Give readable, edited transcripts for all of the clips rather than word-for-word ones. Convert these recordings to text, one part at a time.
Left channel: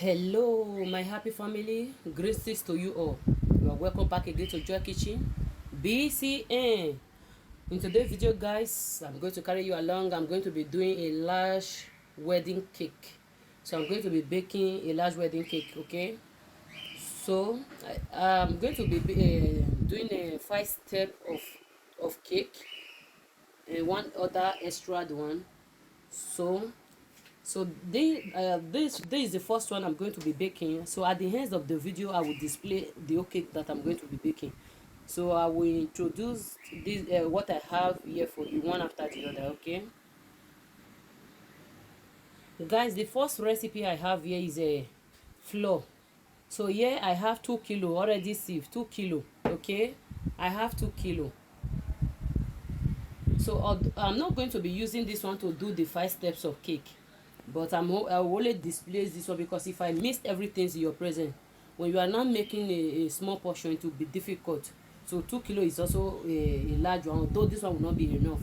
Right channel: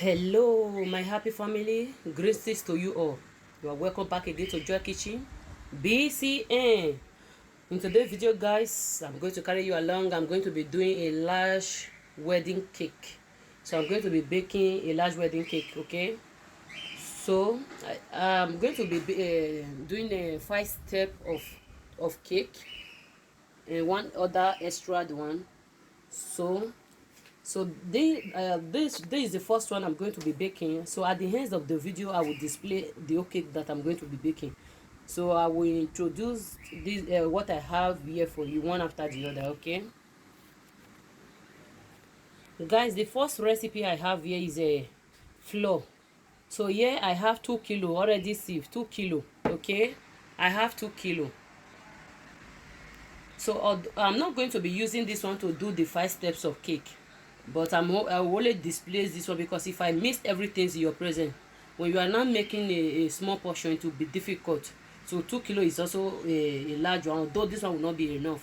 Hello my happy family, greetings to you all. You are welcome back again to Joy Kitchen BCN. In today's video guys, I'm going to carry you along. I'm going to be doing a large wedding cake. So I'm going to be baking a large wedding cake, okay? So I'm going to be doing a 5 step of cake and one other extra one. So this is the first one I'm going to be baking. So at the end of the video, I will display the whole cake that I'm going to be baking. So I will introduce this what I have here for you one after the other. Okay, guys, the first recipe I have here is a flour. So here I have 2 kilo already sieved, 2 kilo. Okay, I have 2 kilo. So I'm not going to be using this one to do the 5 steps of cake, but I will only display this one because if I missed everything in your present, when you are not making a small portion, it will be difficult. So 2 kilo is also a large one, although this one will not be enough.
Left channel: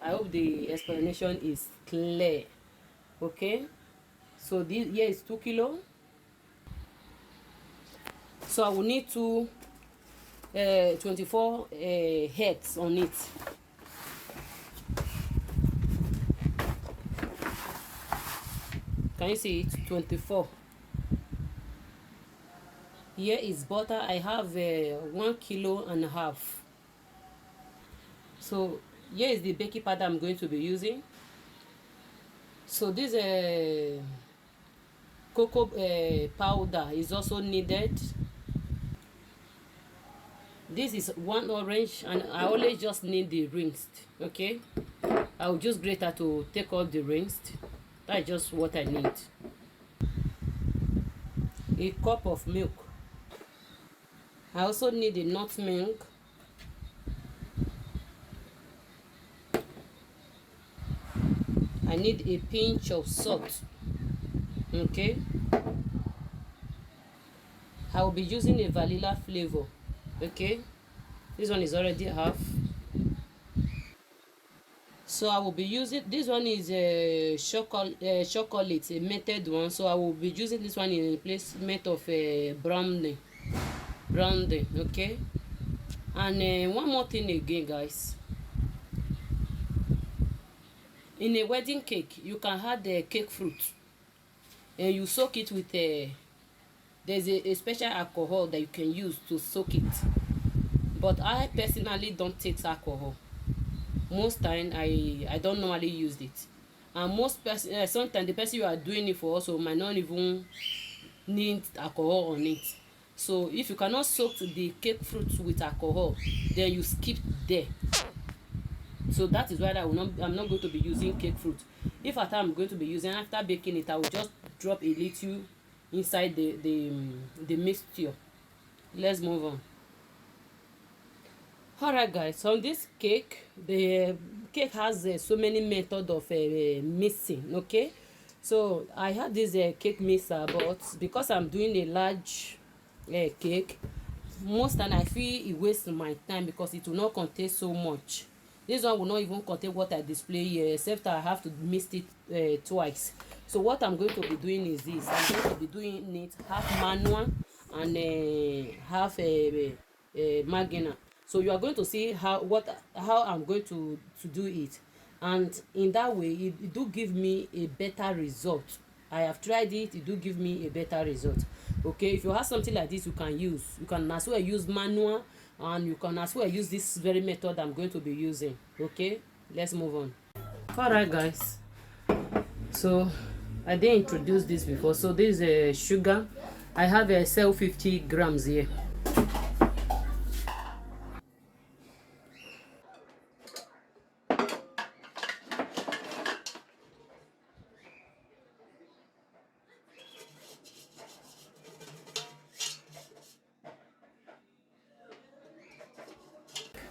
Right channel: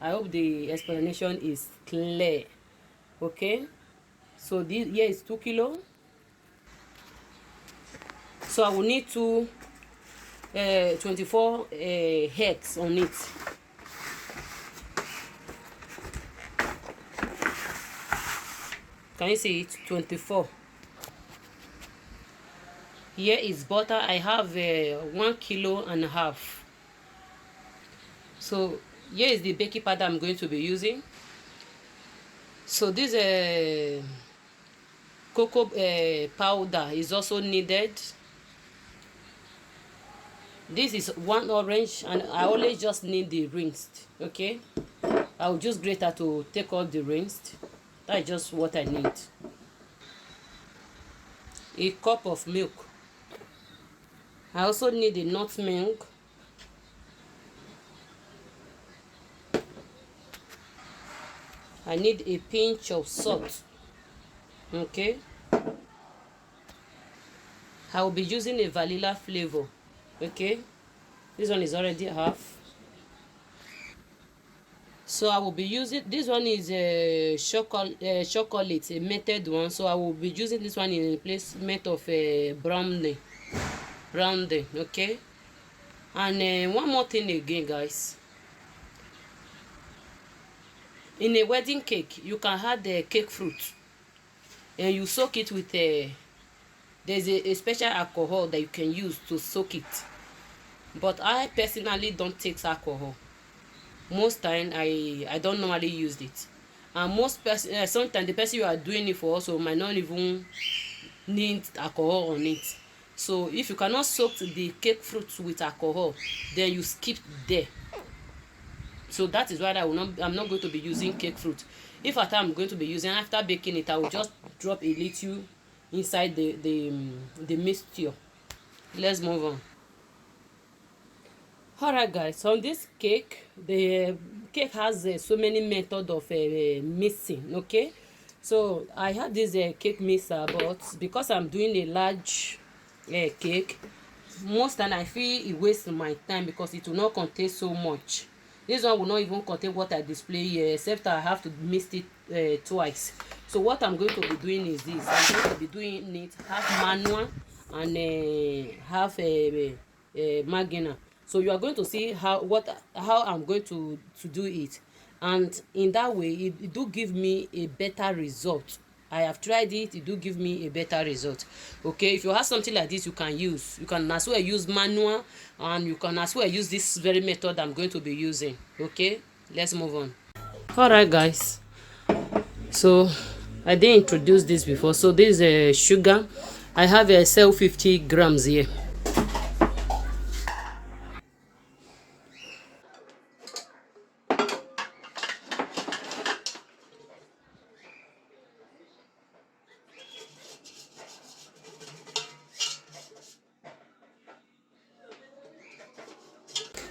I hope the explanation is clear. Okay, so this here is 2 kilo. So I will need 24 eggs on it. Can you see it? 24. Here is butter. I have 1.5 kilos. So here is the baking powder I'm going to be using. So this cocoa powder is also needed. This is 1 orange, and I only just need the rings. Okay, I'll just grate her to take off the rings. That's just what I need. A cup of milk. I also need a nutmeg. I need a pinch of salt. Okay, I will be using a vanilla flavor. Okay, this one is already half. So I will be using this one is a chocolate, a melted one. So I will be using this one in replacement of a brownie. Okay. And one more thing again, guys. In a wedding cake, you can add the cake fruit, and you soak it with there's a special alcohol that you can use to soak it. But I personally don't take alcohol. Most time I don't normally use it, and sometimes the person you are doing it for also might not even need alcohol on it. So if you cannot soak the cake fruit with alcohol, then you skip there. So that is why I'm not going to be using cake fruit. If at I'm going to be using, after baking it, I will just drop a little inside the mixture. Let's move on. Alright guys, on this cake, the cake has so many methods of mixing. Okay, so I have this cake mixer, but because I'm doing a large cake, most time I feel it wastes my time because it will not contain so much. This one will not even contain what I display here, except I have to mix it twice. So what I'm going to be doing is this. I'm going to be doing it half manual and half marginal. So you are going to see how I'm going to do it, and in that way it do give me a better result. I have tried it, it do give me a better result. Okay, if you have something like this, you can as well use manual, and you can as well use this very method I'm going to be using. Okay, let's move on. All right guys, so I didn't introduce this before. So this is sugar. I have a 50 grams here.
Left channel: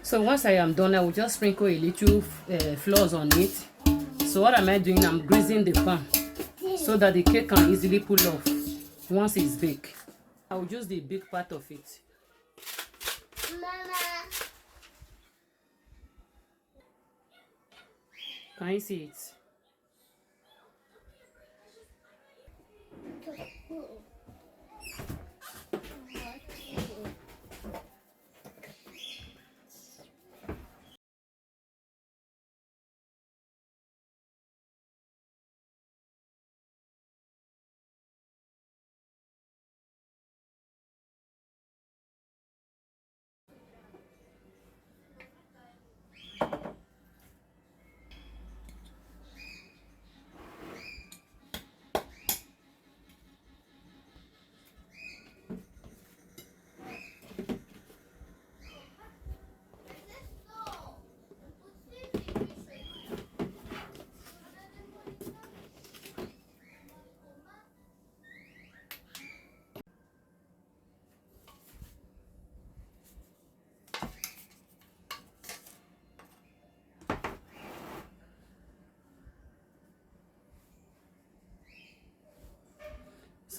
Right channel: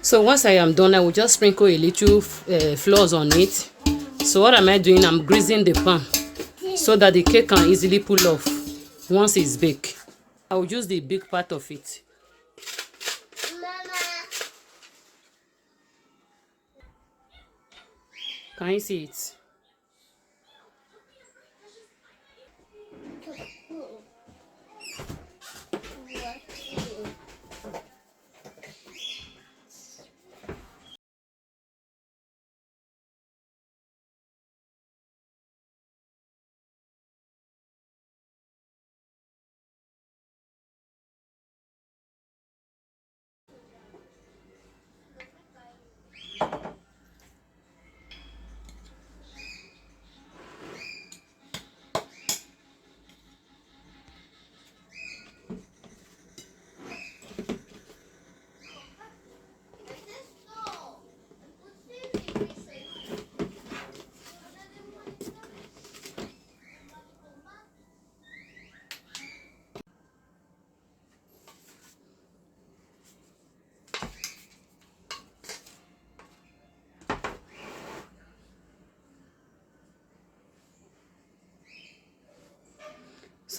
So once I am done, I will just sprinkle a little flour on it. So what am I doing? I'm greasing the pan so that the cake can easily pull off once it's baked. I will use the big part of it. Mama. Can you see it?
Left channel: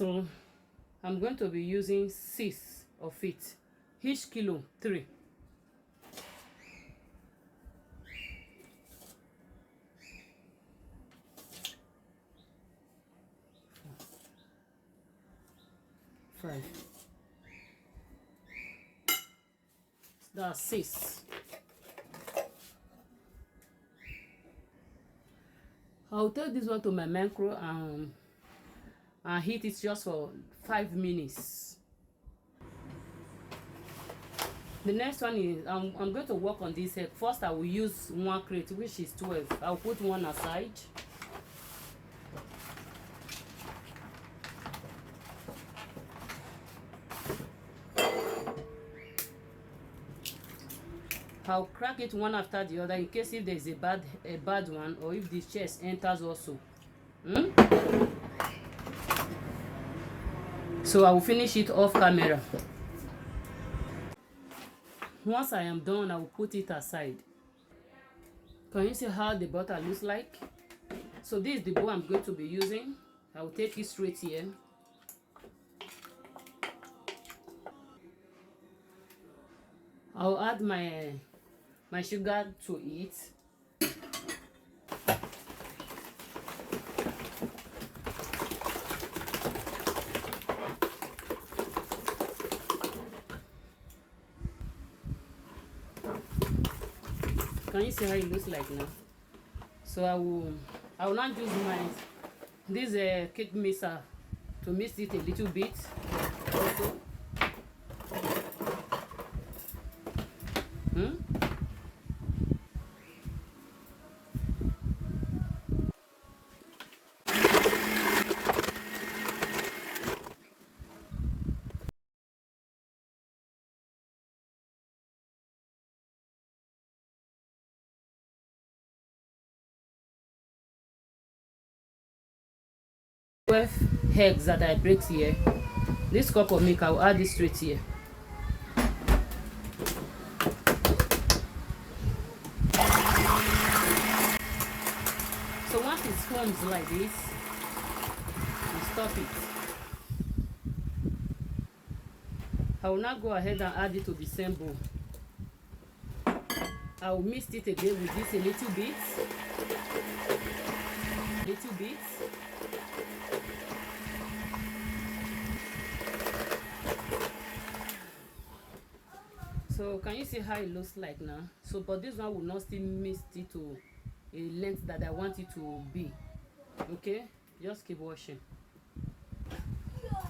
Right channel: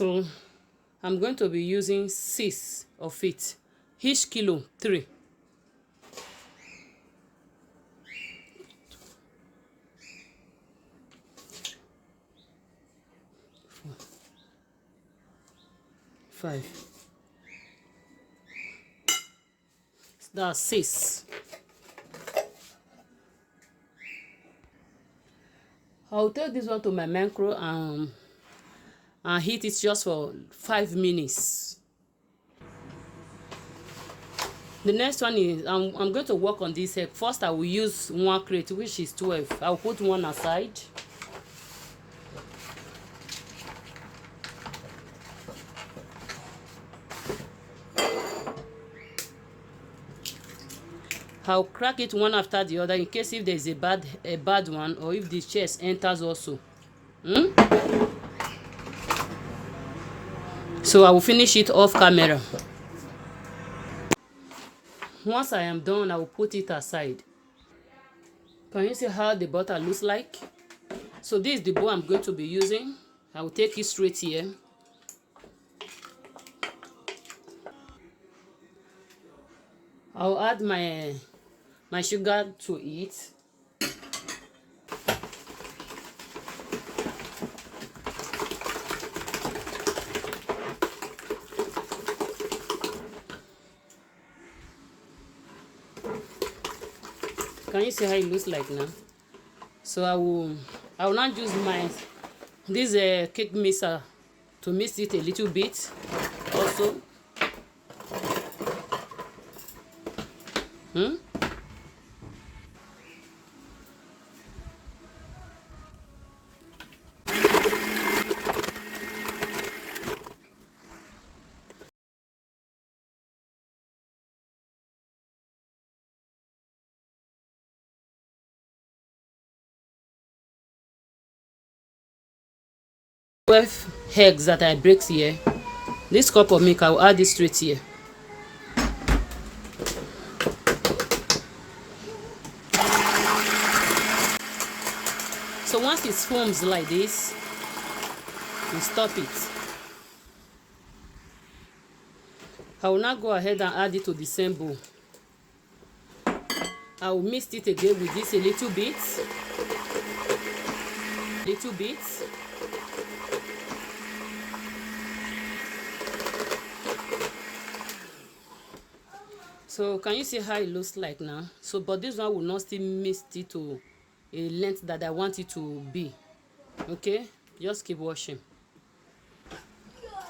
So I'm going to be using 6 of it. Each kilo 3. Five. That's 6. I'll take this one to my micro and heat it just for 5 minutes. The next one is I'm going to work on this egg. First, I will use 1 crate, which is 12. I'll put one aside. I'll crack it one after the other in case if there's a bad one, or if the chest enters also. So I will finish it off camera. Once I am done, I will put it aside. Can you see how the butter looks like? So this is the bowl I'm going to be using. I will take it straight here. I'll add my sugar to it. Can you see how it looks like now? So I will not use this cake mixer to mix it a little bit also. Eggs that I break here. This cup of milk, I will add this straight here. So once it foams like this, we stop it. I will now go ahead and add it to the same bowl. I will mix it again with this a little bit. So can you see how it looks like now? So but this one will not still mix it to a length that I want it to be. Okay, just keep washing.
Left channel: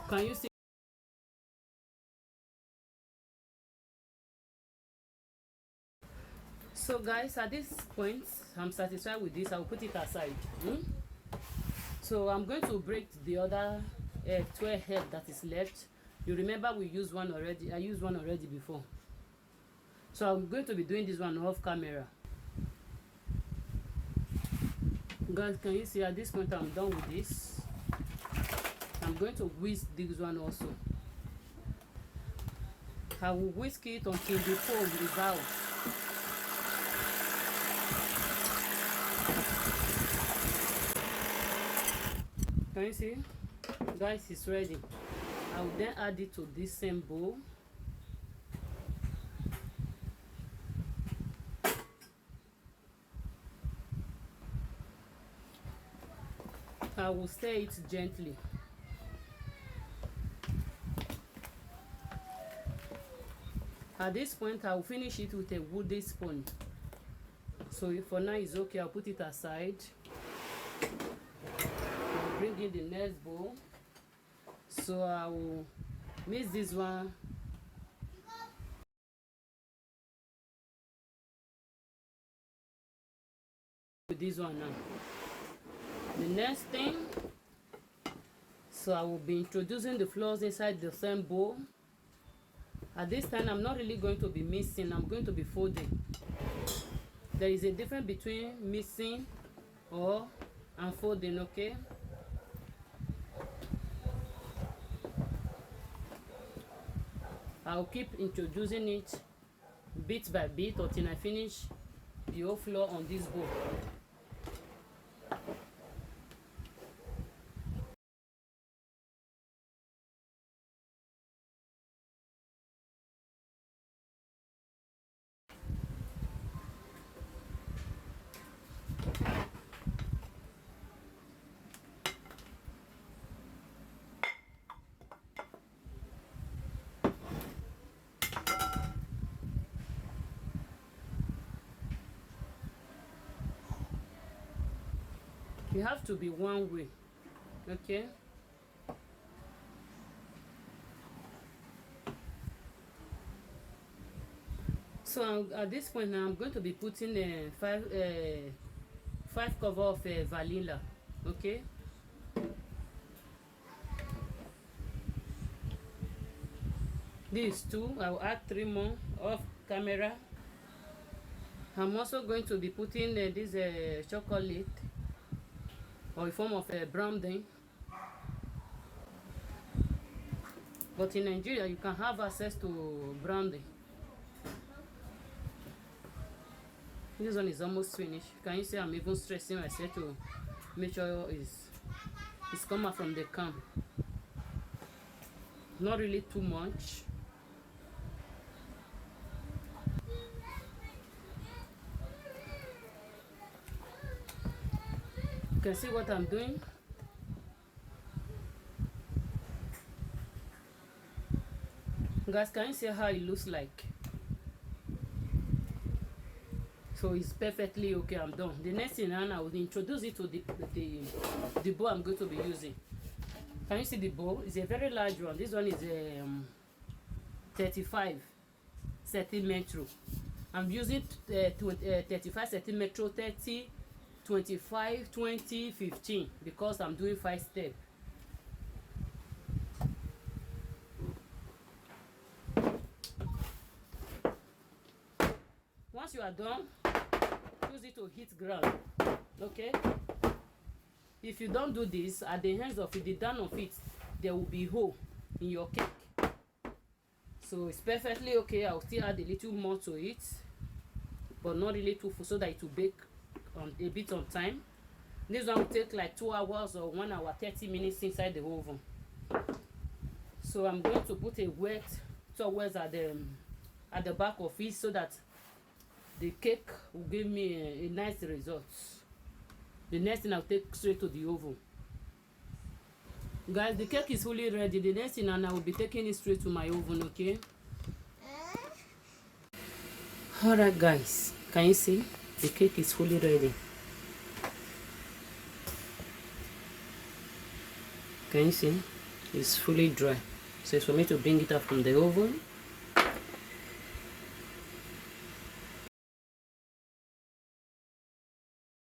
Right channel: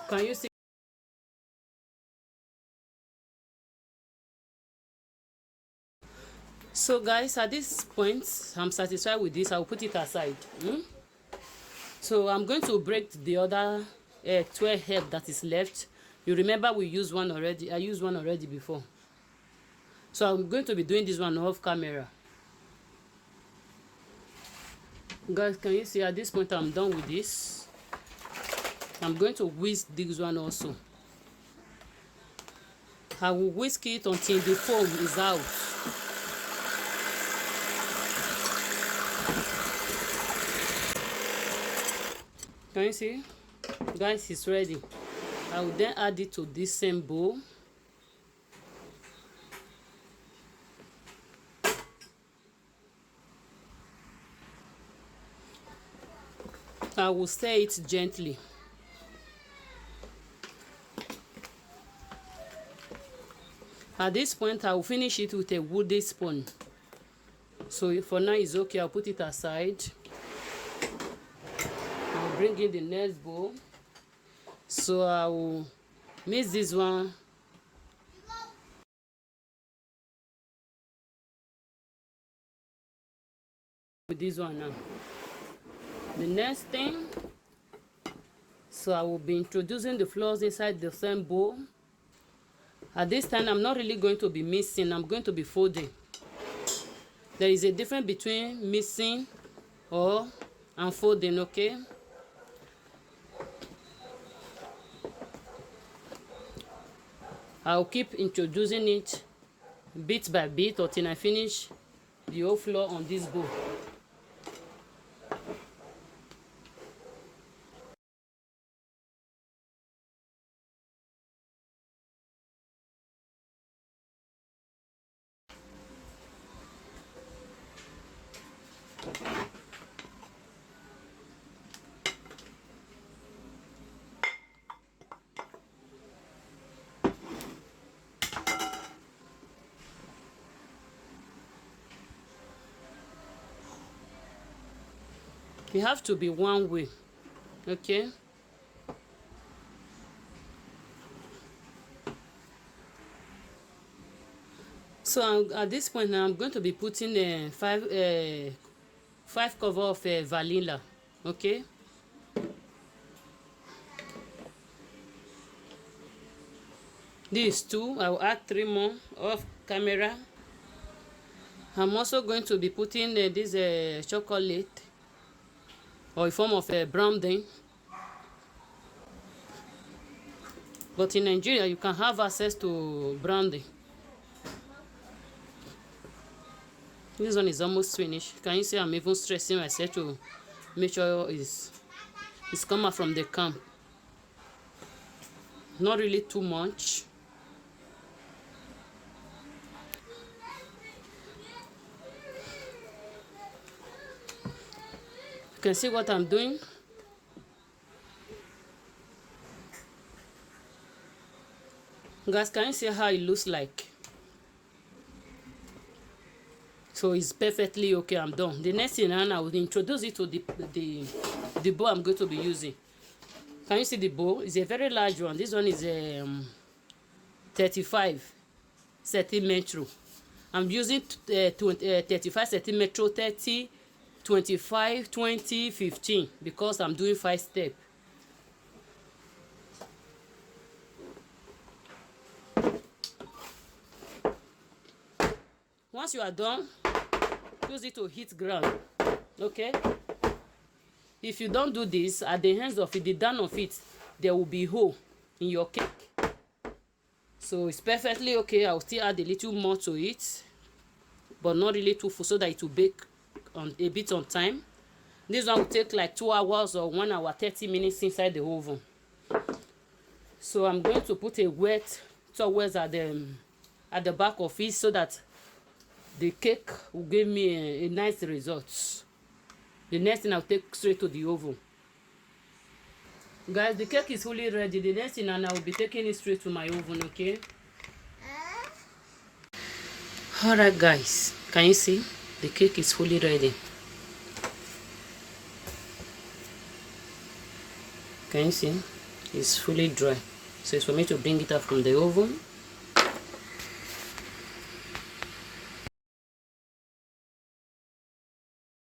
Can you see? So guys, at this point I'm satisfied with this. I'll put it aside. So I'm going to break the other 12 eggs that is left. You remember we used one already. I used one already before. So I'm going to be doing this one off camera. Guys, can you see at this point I'm done with this? I'm going to whisk this one also. I will whisk it until the foam is out. Can you see? Guys, it's ready. I will then add it to this same bowl. I will stir it gently. At this point, I will finish it with a wooden spoon. So for now, it's okay. I'll put it aside. I'll bring in the next bowl. So I will mix this one. With this one now. The next thing, so I will be introducing the flours inside the same bowl. At this time, I'm not really going to be mixing. I'm going to be folding. There is a difference between mixing and folding, okay? I'll keep introducing it bit by bit until I finish the whole flour on this bowl. They have to be one way. Okay. So at this point now, I'm going to be putting five cover of vanilla. Okay. These two, I will add 3 more off camera. I'm also going to be putting this chocolate, or a form of browning. But in Nigeria, you can have access to browning. This one is almost finished. Can you see I'm even stressing myself to make sure it's come out from the can. Not really too much. You can see what I'm doing. Guys, can you see how it looks like? So it's perfectly okay. I'm done. The next thing now, I will introduce it to the bowl I'm going to be using. Can you see the bowl? It's a very large one. This one is 35 centimeter. I'm using 35 centimeter, 30, 25, 20, 15 because I'm doing 5 steps. Once you are done, use it to hit ground. Okay. If you don't do this, at the ends of it, the down of it, there will be hole in your cake. So it's perfectly okay. I'll still add a little more to it, but not really too full, so that it will bake on a bit on time. This one will take like 2 hours or 1 hour 30 minutes inside the oven. So I'm going to put a wet towel at the back of it, so that the cake will give me a nice result. The next thing I'll take straight to the oven. Guys, the cake is fully ready. The next thing, and I will be taking it straight to my oven. Okay. Alright guys, can you see? The cake is fully ready. Can you see? It's fully dry. So it's for me to bring it out from the oven.